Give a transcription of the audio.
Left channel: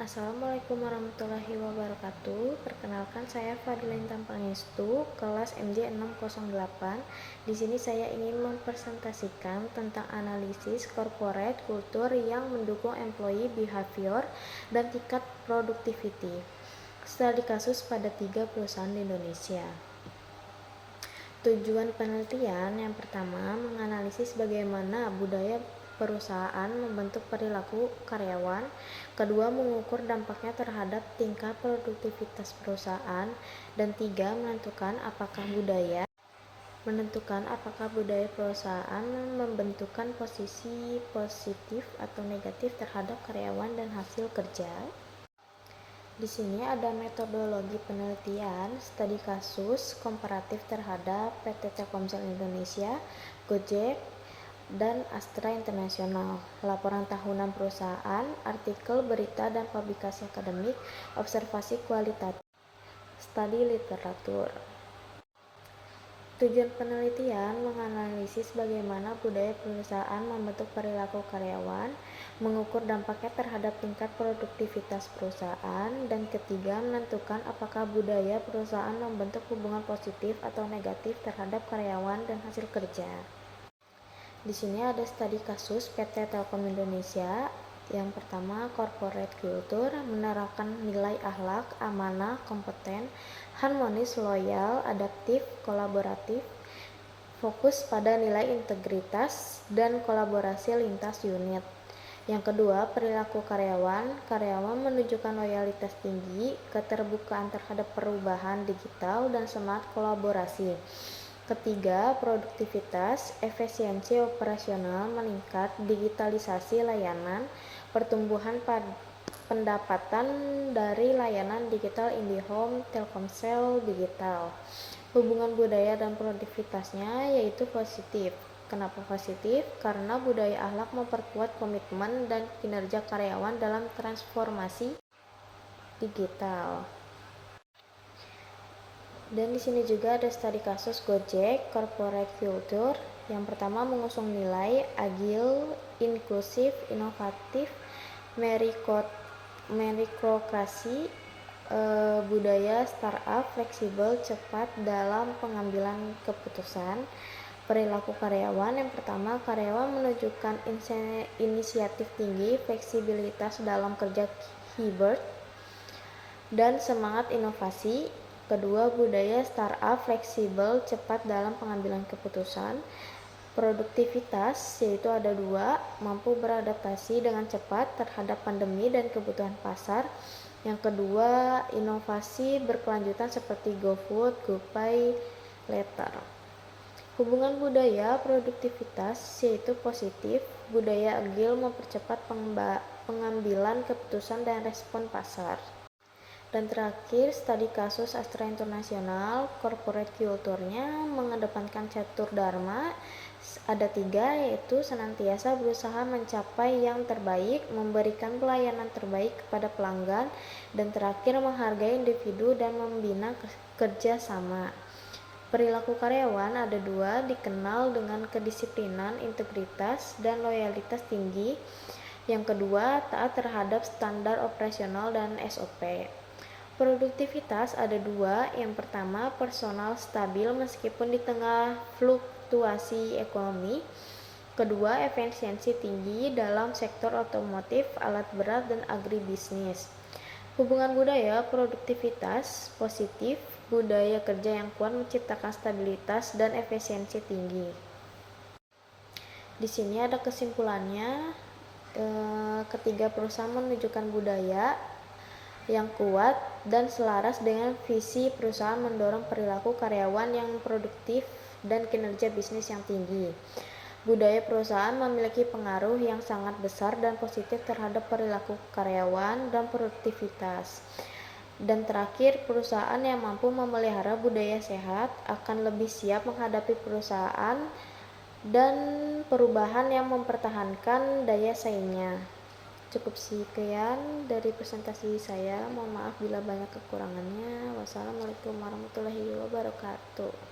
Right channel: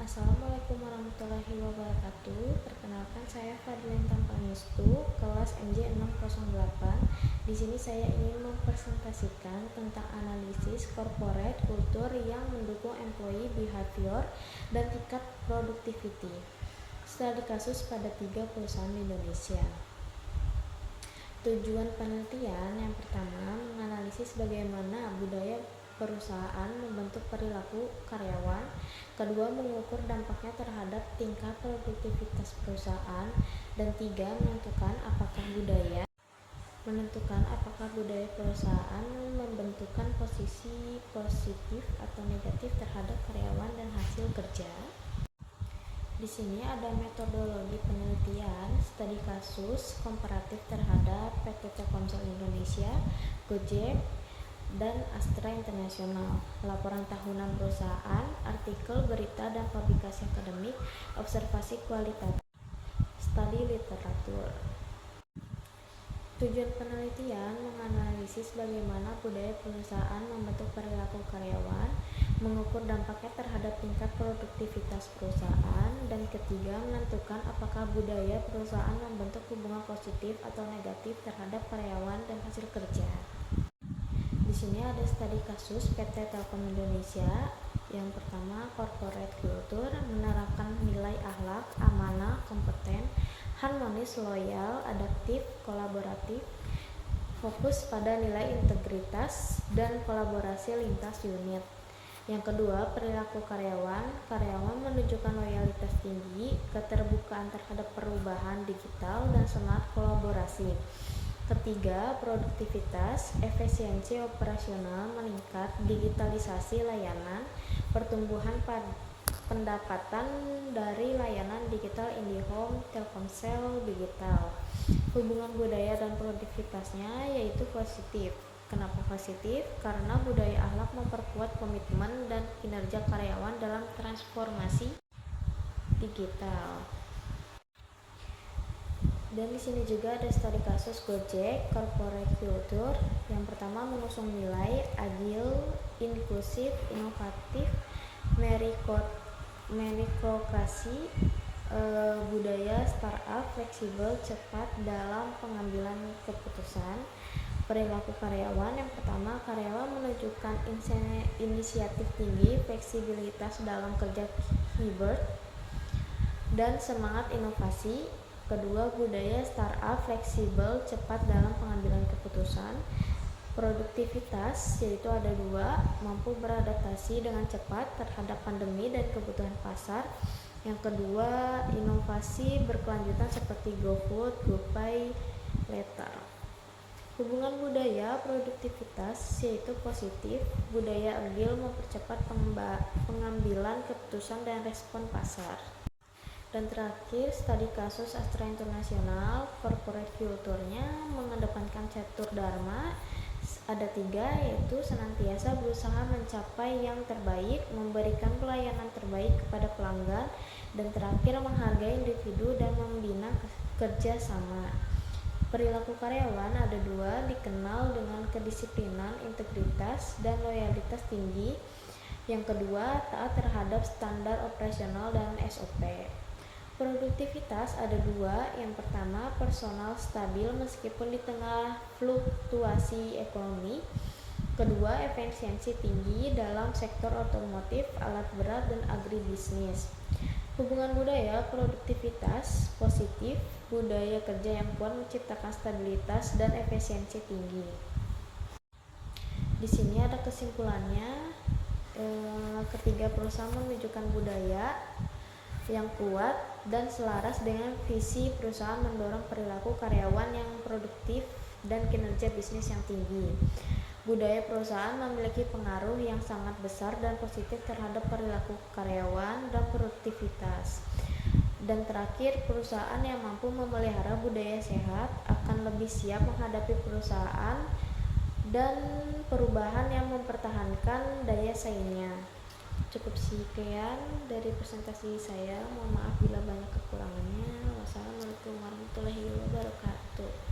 Assalamualaikum warahmatullahi wabarakatuh. Perkenalkan, saya Fadlin Tampangestu, kelas MJ 608. Di sini saya ingin mempresentasikan tentang analisis corporate culture yang mendukung employee behavior dan tingkat productivity. Studi kasus pada 3 perusahaan di Indonesia. Tujuan penelitian yang pertama, menganalisis bagaimana budaya perusahaan membentuk perilaku karyawan. Kedua, mengukur dampaknya terhadap tingkat produktivitas perusahaan. Dan tiga, menentukan apakah budaya perusahaan membentukkan posisi positif atau negatif terhadap karyawan dan hasil kerja. Di sini ada metodologi penelitian, studi kasus komparatif terhadap PT Telkomsel Indonesia, Gojek, dan Astra Internasional, laporan tahunan perusahaan, artikel berita dan publikasi akademik, observasi kualitatif, studi literatur. Tujuan penelitian menganalisis bagaimana budaya perusahaan membentuk perilaku karyawan, mengukur dampaknya terhadap tingkat produktivitas perusahaan, dan ketiga, menentukan apakah budaya perusahaan membentuk hubungan positif atau negatif terhadap karyawan dan hasil kerja. Di sini ada studi kasus PT Telkom Indonesia. Yang pertama, corporate culture, menerapkan nilai akhlak, amanah, kompeten, harmonis, loyal, adaptif, kolaboratif, fokus pada nilai integritas dan kolaborasi lintas unit. Yang kedua, perilaku karyawan menunjukkan loyalitas tinggi, keterbukaan terhadap perubahan digital, dan semangat kolaborasi. Ketiga, produktivitas, efisiensi operasional meningkat, digitalisasi layanan, pertumbuhan pendapatan dari layanan digital IndiHome, Telkomsel Digital. Hubungan budaya dan produktivitasnya yaitu positif. Kenapa positif? Karena budaya akhlak memperkuat komitmen dan kinerja karyawan dalam transformasi digital. Dan di sini juga ada studi kasus Gojek, corporate culture. Yang pertama, mengusung nilai agile, inklusif, inovatif, meritokrasi, budaya startup, fleksibel, cepat dalam pengambilan keputusan. Perilaku karyawan, yang pertama, karyawan menunjukkan inisiatif tinggi, fleksibilitas dalam kerja hybrid, dan semangat inovasi. Kedua, budaya startup, fleksibel, cepat dalam pengambilan keputusan. Produktivitas, yaitu ada dua, mampu beradaptasi dengan cepat terhadap pandemi dan kebutuhan pasar. Yang kedua, inovasi berkelanjutan seperti GoFood, GoPay, Later. Hubungan budaya produktivitas yaitu positif, budaya agil mempercepat pengambilan keputusan dan respon pasar. Dan terakhir, studi kasus Astra Internasional, corporate culture-nya mengedepankan catur dharma, ada 3, yaitu senantiasa berusaha mencapai yang terbaik, memberikan pelayanan terbaik kepada pelanggan, dan terakhir menghargai individu dan membina kerja sama. Perilaku karyawan ada 2, dikenal dengan kedisiplinan, integritas, dan loyalitas tinggi. Yang kedua, taat terhadap standar operasional dan SOP. Produktivitas ada 2, yang pertama, personal stabil meskipun di tengah fluktuasi ekonomi. Kedua, efisiensi tinggi dalam sektor otomotif, alat berat, dan agribisnis. Hubungan budaya produktivitas positif, budaya kerja yang kuat menciptakan stabilitas dan efisiensi tinggi. Di sini ada kesimpulannya, ketiga perusahaan menunjukkan budaya yang kuat dan selaras dengan visi perusahaan mendorong perilaku karyawan yang produktif dan kinerja bisnis yang tinggi. Budaya perusahaan memiliki pengaruh yang sangat besar dan positif terhadap perilaku karyawan dan produktivitas. Dan terakhir, perusahaan yang mampu memelihara budaya sehat akan lebih siap menghadapi perusahaan dan perubahan yang mempertahankan daya saingnya. Cukup sekian dari presentasi saya. Mohon maaf bila banyak kekurangannya. Wassalamualaikum warahmatullahi wabarakatuh.